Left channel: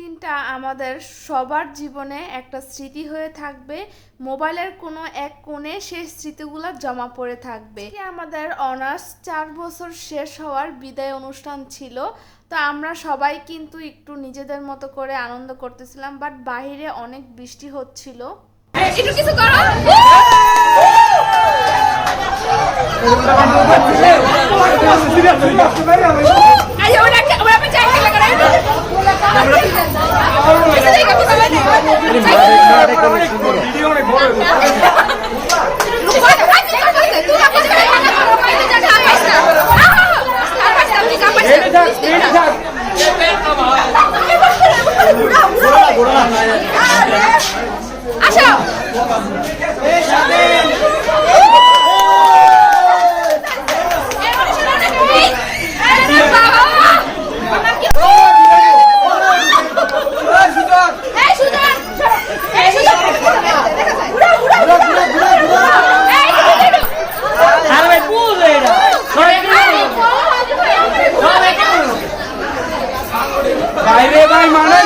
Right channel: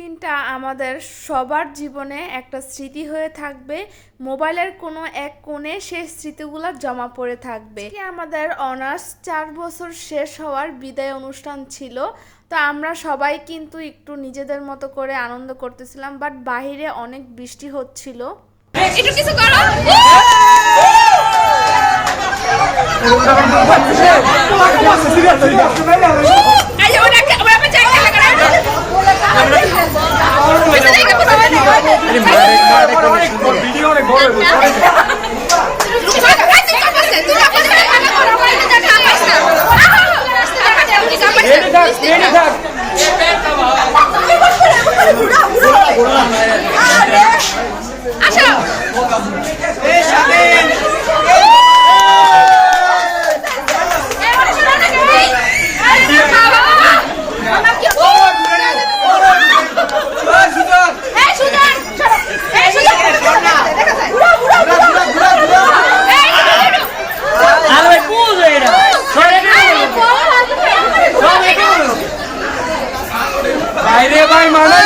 দিনটা আমাদের সবার জীবনে একটা স্মৃতি হয়ে থাকবে। মোবাইলের কোনো এক কোণে সেই স্মৃতিগুলো জমা পড়ে থাকবে। আমাদের অনার্স 4 বছর শেষ হওয়ার বিদায় অনুষ্ঠান ছিল। তো আমরা সবাই কিন্তু একটু নিজেদের মতো করে আনন্দ করতেছিলাম, বাট বাইরে অনেক বৃষ্টি হচ্ছিল। ভাই মানে